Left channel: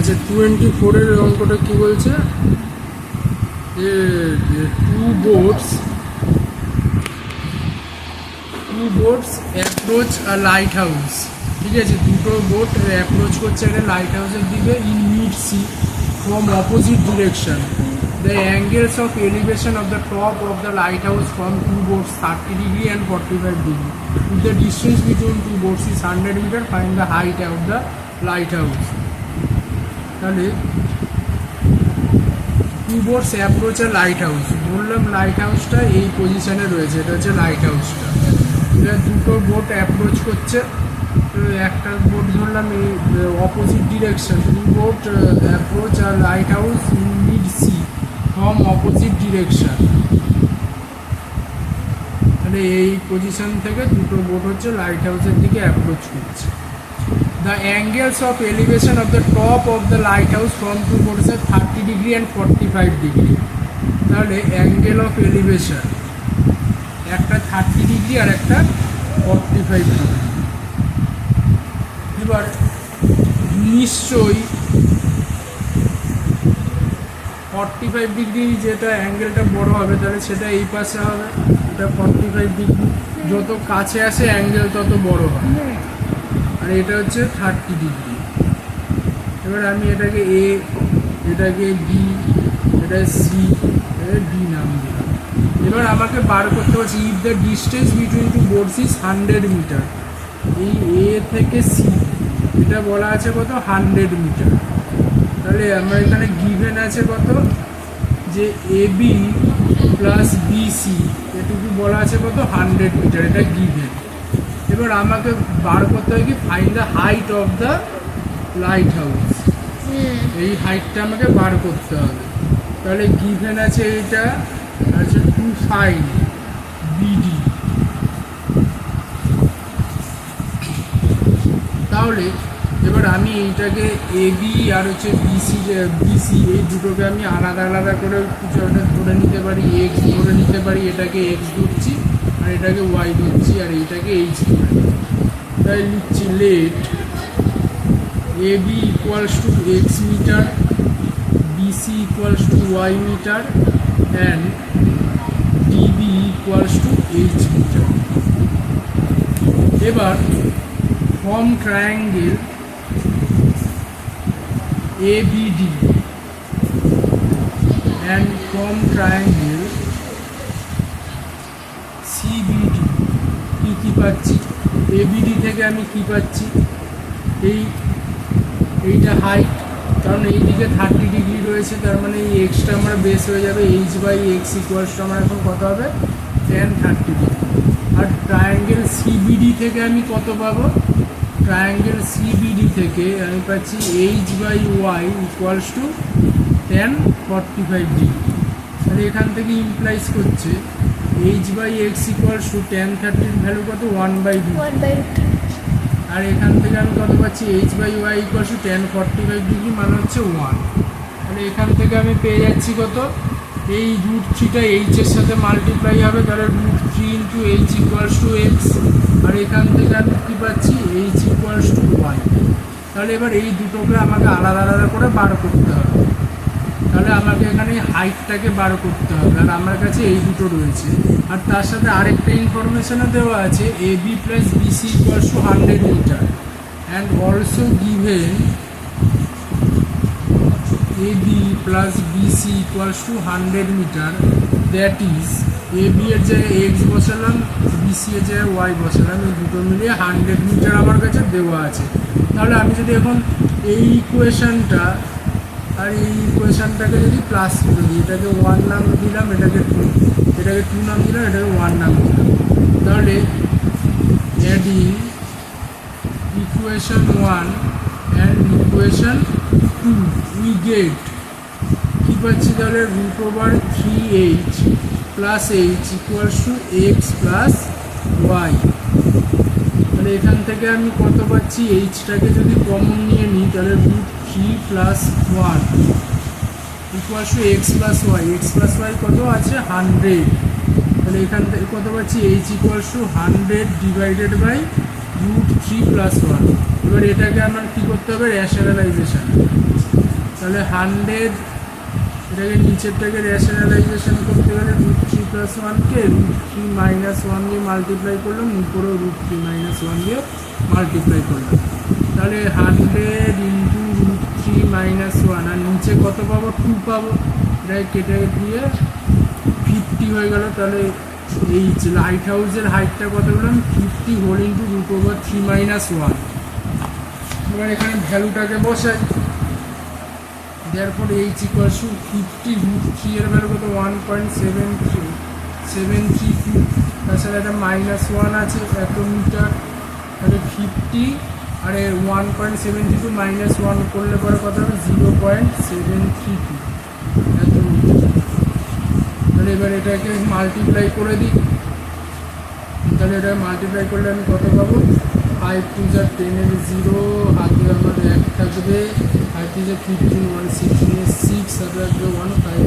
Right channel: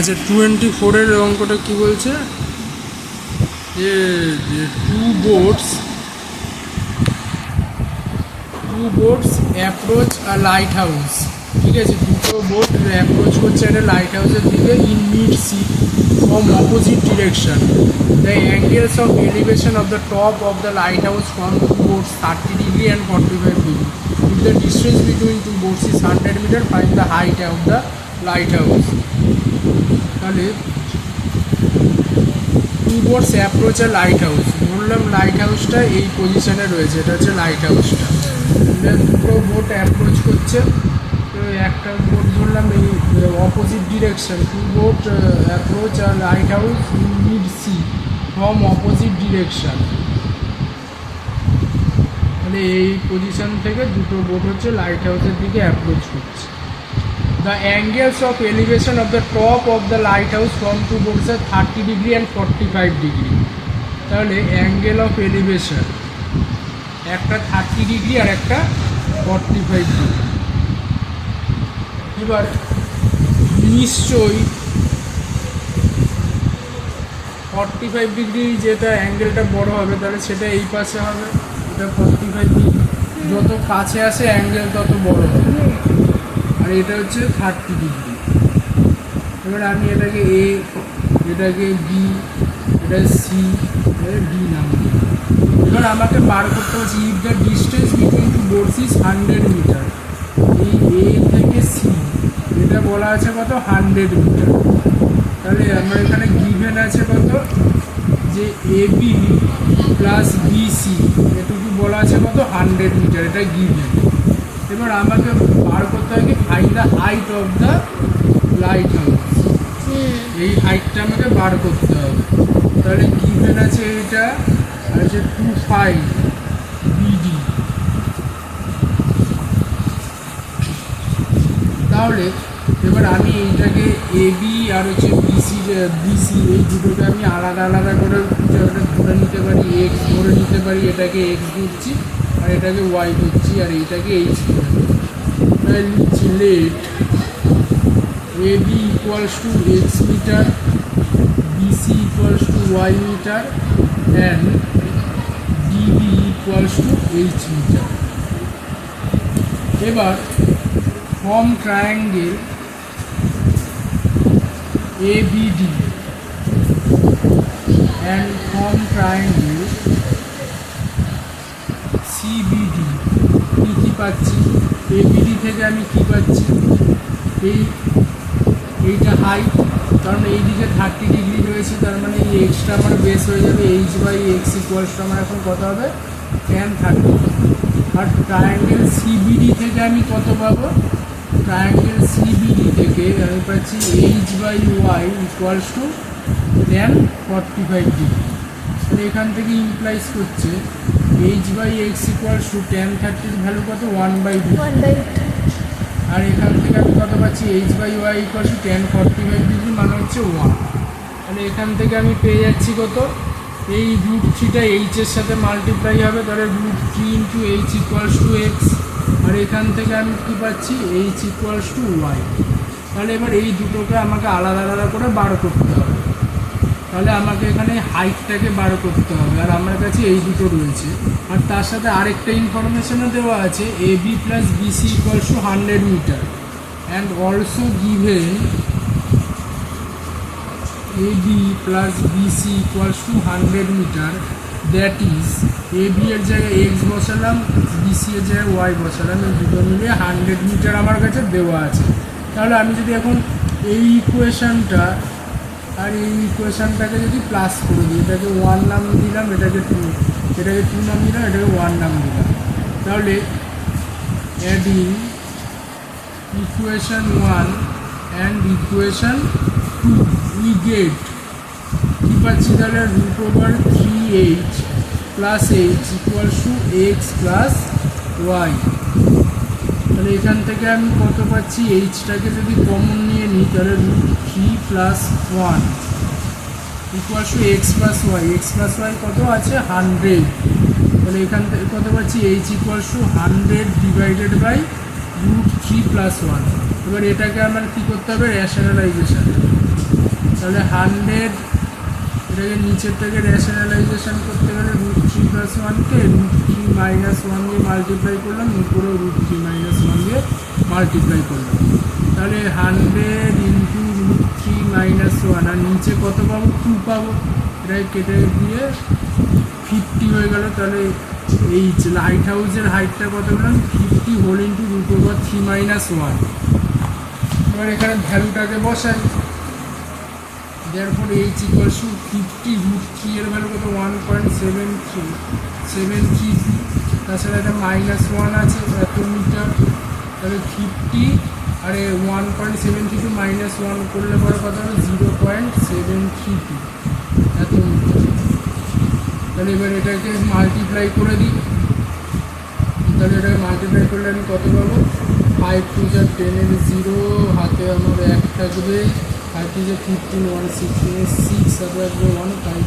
আচ্ছা 24-এর অঙ্কটা কি বলছে যে টু বোটস অ্যাপ্রোচ আ লাইট হাউস। ঠিক আছে, দুটো বোট অ্যাপ্রোচ করছে একটা লাইট হাউসের দিকে in mid sea from opposite direction. The angles of elevation of the top of the light house from two boats 30 degree and 45 degree. If the distance between two boats is 100 meter, find the height of the lighthouse. তাহলে two boats approach এ light house, বললাম light হাউসটা এই পজিশনে রয়েছে, এটা হচ্ছে light হাউসটা। এটা দুটো boat approach করছে, তো একটা বোট ধরলাম এই opposite direction, two boat approach আর light house mid sea from opposite direction. মানে এই পজিশন থেকে দুটো বোট হচ্ছে লাইট হাউসের দিকে অ্যাপ্রোচ করছে। The angles of elevation of the top of the light house from two boats are 30 degree and 45 degree. তাহলে অ্যাঙ্গেল অফ এলিভেশন একটা 30 ডিগ্রি আর একটা 45 ডিগ্রি। এবার নিশ্চয়ই 45 ডিগ্রি যেটা অ্যাঙ্গেলটা বড় হবে, তাহলে সেটা এই পাশে হবে, এটা 45 ডিগ্রি। যত কাছে আসে অ্যাঙ্গেল তত বড় হবে, আর এটা হচ্ছে 30 ডিগ্রি। এবার আমি এটাকে এ, এটাকে বি, এটা সি, এটা ডি নাম দিলাম। এবার আমাকে বার করতে হচ্ছে if the distance between two boats is 100 metre. এই এ থেকে সি এটা বলা আছে কত, 100 মিটার। তাহলে আমরা এখানে গিভেন আছে কত, যে এ বি প্লাস বিসি এটুকু বলা আছে কত, 100 মিটার, এটা গিভেন। এবার আমাকে বার করতে হবে কি, find the height of the light house. এই হাইটটা আমাকে বার করতে হবে। তাহলে গিভেন আছে এটা, আর হচ্ছে 25 বিডি। তাহলে এবার আমি এইটাকে এ বি আর হচ্ছে বিসি এই দুটোকে আমি আলাদা আলাদা করে কিছু একটা ধরে নিতে পারি, এক্স ধরে নিতে পারি, এটাকে এক্স ধরছি আর এটাকে ওয়াই ধরছি আর এইটাকে এইচ ধরে নেব। তাই লিখছি let A B equals to x metre, BC equals to y metre and DB equals to h metre. এবার form triangle ABD and form triangle CBD। কি পাচ্ছি, ABD থেকে আমি কি পাচ্ছি, এইটা হাইট, কারণ এই দিকে 30 ডিগ্রি রয়েছে, তার মানে এই এক্সটা আমার বেস হয়ে যাবে এইচ বাই এক্স ইকুয়ালসটা আমার এখন কত হবে, tan 30। আর ট্রায়াঙ্গেল CBD থেকে আমি কত পাবো, ট্রায়াঙ্গেল CBD থেকে আমি পাচ্ছি H by Y equals to tan 45 degree. তাহলে এখান থেকে ইমপ্লাইজ করছে H by X equals to tan 30 value কত, 1/2। আর এখান থেকে আমি কত পাচ্ছি, H by Y equals to tan 45 degree মানে হচ্ছে 1। তাহলে এখান থেকে আমি পেয়ে যাচ্ছি কত, এই √3টা এইচের সাথে মাল্টিপ্লাই হবে, তাহলে √3 into H equals to X. আর এখান থেকে আমি কী পাচ্ছি, এইচ ইকুয়ালস টু ওয়াই। তাহলে এবার এই দুটোকে আমাকে আলাদা আলাদা করে বার করতে হবে। তাহলে আমাকে এখানে হাইটটাকে বার করতে হবে, আর আমার কাছে এই দুটো রয়েছে। আর তার সাথে আরেকটা ইনফরমেশনও দেওয়া আছে, A B plus BC equals to 100 metre and also given AB plus BC equals to 100 meter, that is AB এর জায়গায় x বসালাম, BC এর জায়গায় y বসালাম, এই দুটো মিলিয়ে 100 মিটার আমার কাছে দেওয়া আছে। তাহলে আমি যদি এখন এই ইকুয়েশনটা আর এই ইকুয়েশনটাকে যদি প্লাস করে দিই, এটাকে 1 নাম দিলাম, এটাকে 2, এটাকে 2 নাম দিলাম, এটাকে 1 নাম দিলাম, তাহলে adding equation 1 and equation 2 we get কি পাচ্ছি, তাহলে √3h plus h equals to X plus Y. তাহলে এখান থেকে আমি কত পাচ্ছি, এইচটাকে যদি কমন নিয়ে নিই, তাহলে √3 plus 1 equals to X plus Y. X plus Y কত আছে, 100। তাহলে এখান থেকে কত পাচ্ছি, H equals to 100 divided by √3 plus 1। এবার এটাকে আমার কী করতে হবে, রেশনালাইজেশন। তাহলে 100 এটাকে নিচের থেকে রেশনালাইজেশন করতে গেলে √3+1 কে √3 - 1 দিয়ে মাল্টিপ্লাই করলাম, উপরেও √3 - 1 দিয়ে মাল্টিপ্লাই করলাম। তাহলে 100 × √3 - 1, আর নিচে কত পাবো? 2 পাবো। এটাকে কেটে দিয়ে 50 হয়ে গেল। তাহলে এই লাইট হাউসের হাইটটা কত বললাম? 50 হোল ইন্টু √3 - 1। এবার এখানে ভ্যালুটাকে বসাই। therefore h equals to 50 √3 এর ভ্যালু কত? 1.732। তাছাড়া এটা -1 আছে এত মিটার, তাহলে 50 আর 1.732 -1 করলে পরে কত হবে? 0.732 এত মিটার। তাহলে এবার এটাকে মাল্টিপ্লাই করে দিই। তাহলে এটা মাল্টিপ্লাই করলে আমি কত পাবো? 5 × 2 = 10 এর 0, হাতে আমার 1 থাকবে, 5 × 2 = 15, 1 16 এর 6, আর থাকবে 1, 5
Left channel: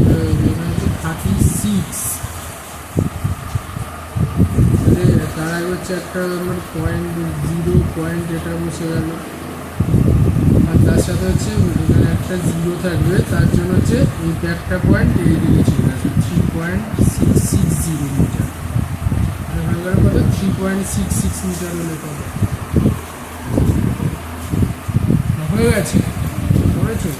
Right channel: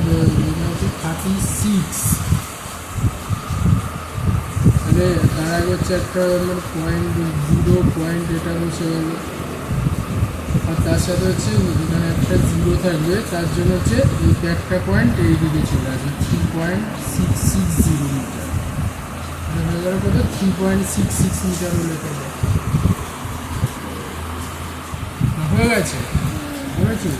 36। তাহলে তার আগে হচ্ছে একটা আমার .0 পয়েন্ট, এটা বসে গেল, আর তার সাথে হচ্ছে এখানে একটা 0 থাকবে, তার জন্য হচ্ছে এই একটা পয়েন্ট এই দিকে চলে আসবে 3.660 মিটার। হয়ে গেল কত? 3.66 মিটার হলে কত হয়ে গেছে? করেছি।